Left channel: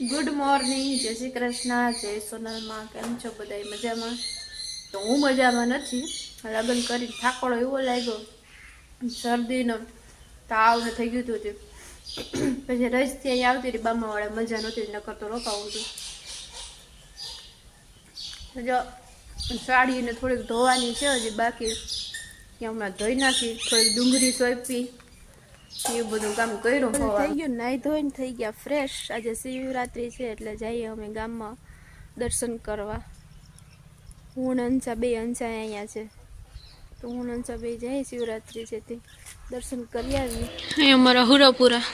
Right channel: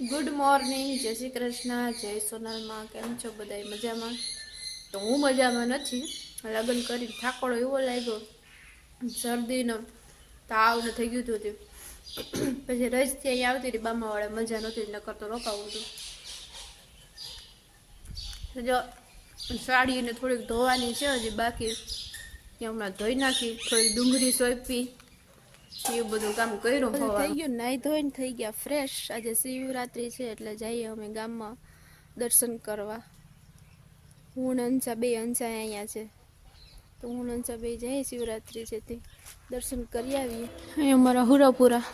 Good morning, જય શ્રી કૃષ્ણ, જય સોનલમાં. કેમ છો બધા? મજામાં? તો હું મજામાં નથી. લગ્ન કરીને થાકોડો એવો લાગ્યો, શરદીનો તાવ ને થઈ ગયું હતું. પછી રસથી અહીં આવતી હતી બામાવાળા, મજા નહોતી, નકર તો રોકાવું હતું. જો સાડીને થોડીક ધોવાની છે હજી બાકી, ત્યાં હમણાં ધોઈ નાખી. થોડી ડુંગળી સોંપી, એવું બધું કામ કર્યું. થઈ ગયું નાઈ ધોઈને થઈ ગયા ફ્રેશ. આજે શિવરાત્રી છે એટલે જઈએ અમે ગામમાં દર્શન કરવા. હું ને અંશા બે, અંશા અહીંયા છે તો હું ને અંશા બે જઈએ શિવરાત્રી છે તે દર્શન કરી આવી. અહીં અમારા હુરાપુરા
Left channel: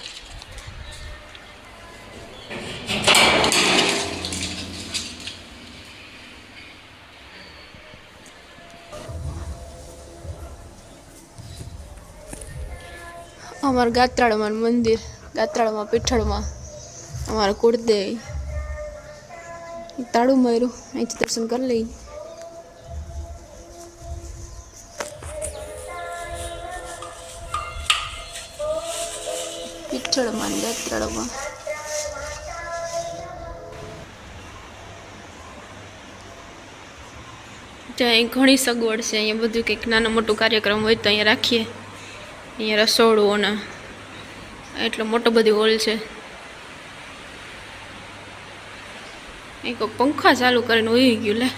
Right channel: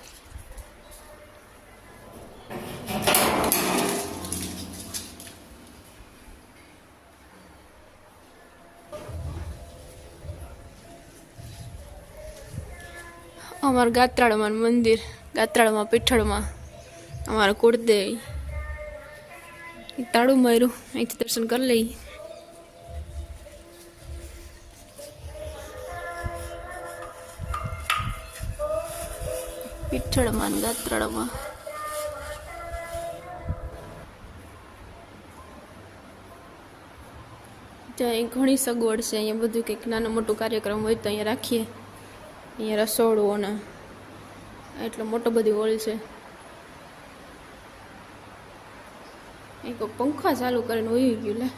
અમારું ગાત્રાળમાં મંદિર, ગાત્રાળમાં પીઠળમાં અમારા કુળદેવી. તાળું માર્યું, અહીંથી દર્શન કરી લઈ. પીઠળમાં ગાત્રાળમાં ત્યાં ઘણી સગવડ છે. અહીંયા બધું કંઈક નાનો મોટો કાર્યક્રમ હોય તો અહીંયા રાખીએ. અહીંયા રસોડું અને એટલો મોટો બધી હોલ છે. એક પંખા ચાલુ કરીને ઉઈ ગયું. લે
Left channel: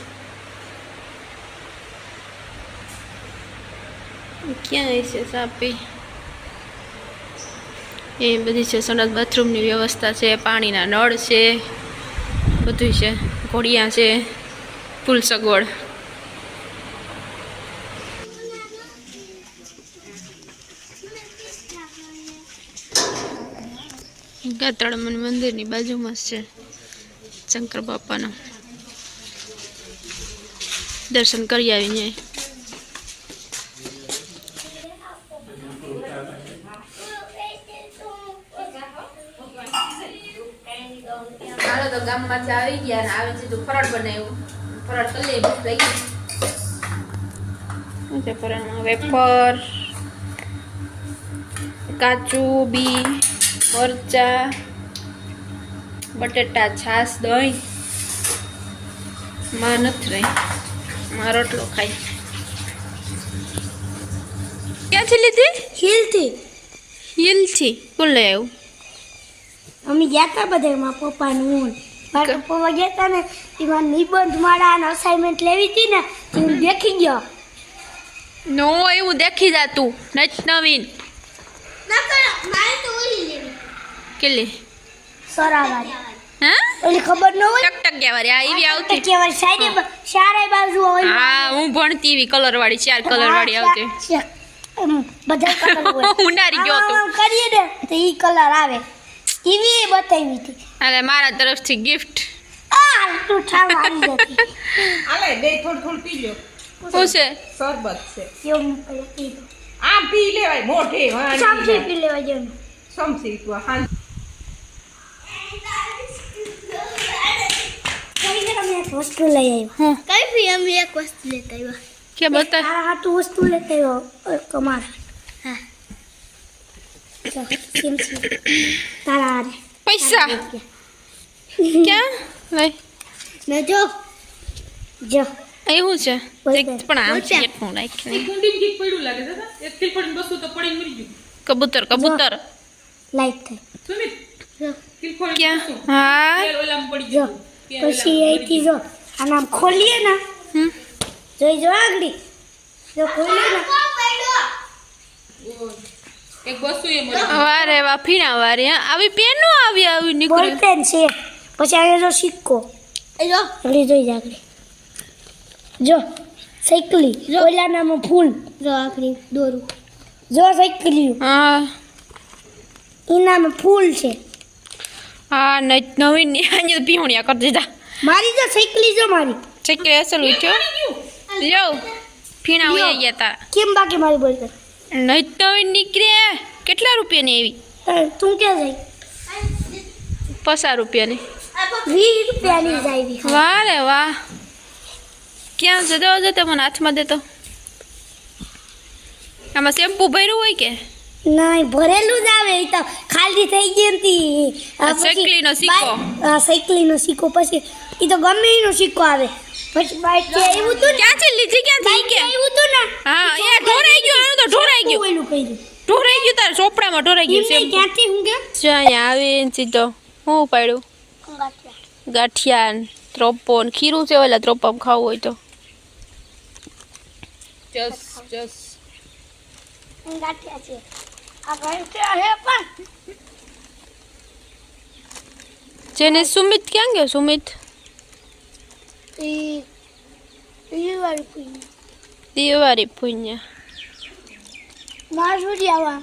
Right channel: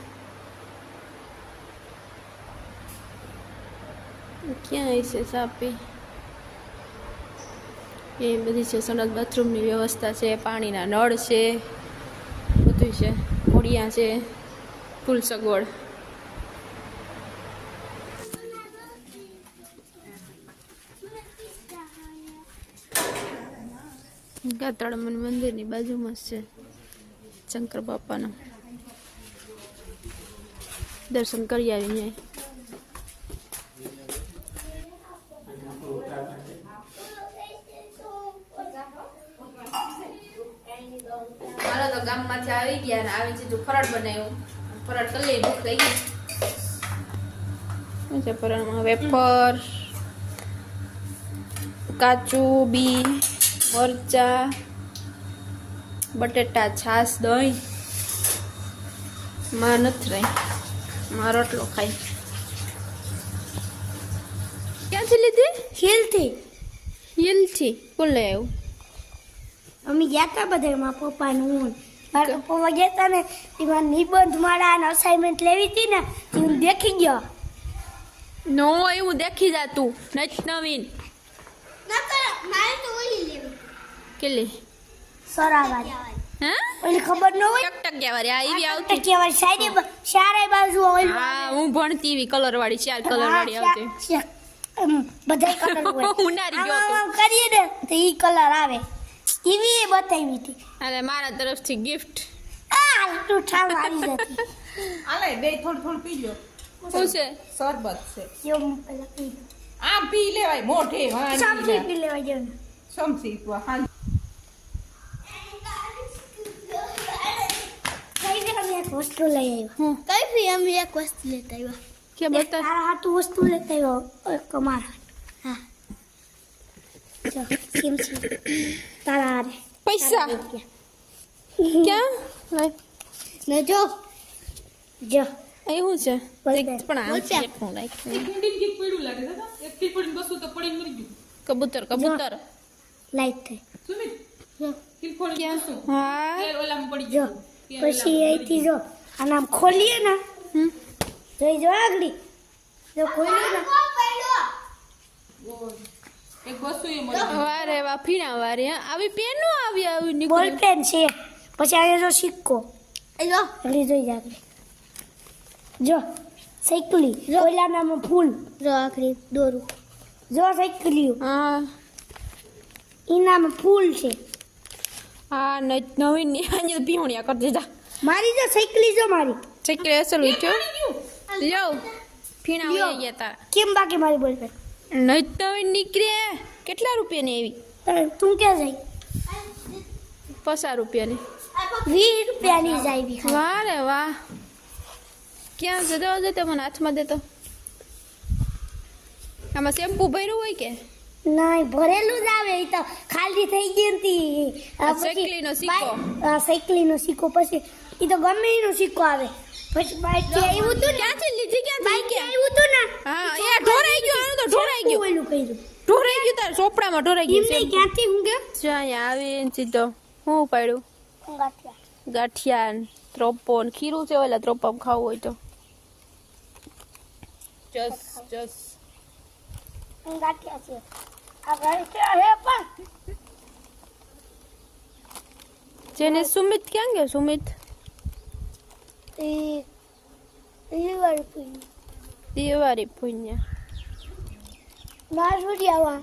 ક્યાં છે સાપી? એ બધી છે. સંડાસ બાથરૂમની વ્યવસ્થા છે, પાણીના નળ છે, બધું છે. ઘોડિયા છે, ફૂલ સગવડ. ગાત્રાળમાં મંદિરની બાજુમાં છે શંકર બાપાના. દર્શન કરી આવીને ચાલો તો ગામમાંથી આવી ગયા ને આવી સીધું ફરાળ બનાવ્યું. ફરાળ કરી લઈએ, બધું કહીએ. ફરાળમાં વેફર, કાચું બી, મરચા, બટેટા, છાશ, દહીં. માં નથી રહી, માં રોટલો ખાઈ. ક્યાંથી લીધી? હિલથી. હિલથી કોણ લઈ આવ્યું? અમે ગયા હતા બધા, મારા પપ્પાનું હું. મારા પપ્પા ગયા હતા ને એમાં નિબંધ માળા અને અસાઇનમેન્ટ લેવી હતી ને હું દેખી ગયો. નો એવું દેખી જાતું નચ નવીન. કેટલી સરાવાળી હા ઓલી ખબર ન હોય, ટકટકિયા વાળી આ એવી આવતી. ટકટકિયા સાઈડે ચારે બાજુ હોય. હા હું ભણતી એવી કલર વાળી, 4 કલર વાળી આવતી. બધા કલર હોય. ઉનારી ગયો તો આમ કરીએ ને તો ઈ કલર આવે. એવી બતાવી હતી. અરે મારા તરફથી ગિફ્ટ. આ તું ઠાવ આવી જતી. આલે બે થોડું થોડું પી લ્યો. શું છે? શરબત છે. કેવું પેલા પી લો. આ પી લેવાય મોઢે વાણી. સામસી પી લેવા જેમ. સમસી તો હા. વસ્તુ લઈ આવ્યો. કઈ ભી અમે એક વસ્તુ લેતા આવ્યા. કે બતા તારા હાટુ વસ્તુ લેતા આવ્યો કમારા. હા સિમસી તારા હારે પૈસા ક્યાં લઈ ન જો જો એવું છે? બોલ. પણ આમ બોલ. કેટલું નાખ્યું. કુંડી ઠીક પડ્યું લાગે દાદા. એક થી પણ બસો તો પડીને મરી ગયું. કબૂતર કબૂતર લાઈટ થઈ સુમિત જો તિલ ખોલી ક્યાં? હા તેલ ઓલામાં પડી જો ગયું. પછી અહીંથી જો આ નામ ખોલીએ ને હમ. જોઈ જો આગળી જો ખોલીએ ને એક બસો એ મરી વારે વા ફીણા વારે. હા આવી પેન નો આવી આવી નીકળ્યું. બોલપેન છે પછી આવ્યો જો સિક્કો જો આગળી જોઈ જા આગળી જો સાયકલી ઓલા નામ ફૂલ જો આગળી દોરું જો સાયકલી હા ઇનામ ફૂલ છે. હા નવીન ની આજે પીવણિયા કરી દીધા. મારી જો સાયકલી જો મારી ચક્કે અસલ ઉઠ્યો. લ્યો ફીણા લ્યો. વયા ગયા તા. કેમ બાકી મારી બોલપેન નવીન નીકળે. કેટલા રૂપિયાની એવી? તું ક્યાં જાય? 50 રૂપિયાની. 20 રૂપિયાની જાય. વાહ રે વાહ. ક્યાં જતો જતો મને હાથમાં દેતો. આમાં શેમ્પુ ભર્યું હોય કે નહીં ભરેલું જ આવે એ તો ખાલી થઈ ગઈ હતી ચકલીનો સિક્કો. સાયકલીનો સિક્કો પછી એ તો ગમે એનો સિક્કો આવે પછી બાઈકથી આવ્યું હતું ને ક્યાંથી લીધી ક્યાંથી કે આવ્યું હતું ને હા એ ઢોરાઈ ગયું એનું તો ઢોરાઈ ગયું ઓલું કર્યું ઢોરાઈ ગયું તાર ચોપડામાં ઢોરાઈ ગયું છે એમને ક્યાંથી હું કે જો અહીંયા આવીને સીધો હું ઉપાડ્યું ગાંઠિયા ને ત્રોપો ને ખીરું છે ઓલા ત્રોપામાં ખાવું હોય તો જસ જસ ગાંઠિયા છે આ ગાંઠિયા હે પણ જેને સુમિત ક્યાં ગયો સુમિત એ વાળું કોઈ દિવાળી પુણ્ય માર છોડી આવવા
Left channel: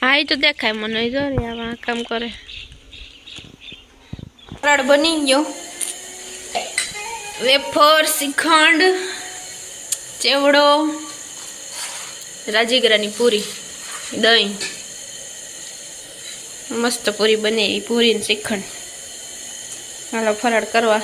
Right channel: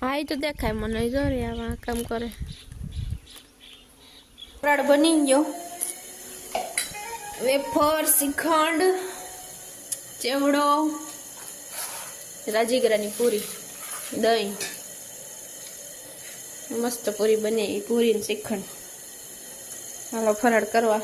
હા એ તો દેખાય મને જો રે આમાં કામ કરે ફરાળ બની ગયો વેફર શ્રીખંડ ચેવડો રાજગરાની પૂરી દહીં મસ્ત પૂરી બને પૂરી ને શ્રીખંડ હાલો ફરાળ કરવા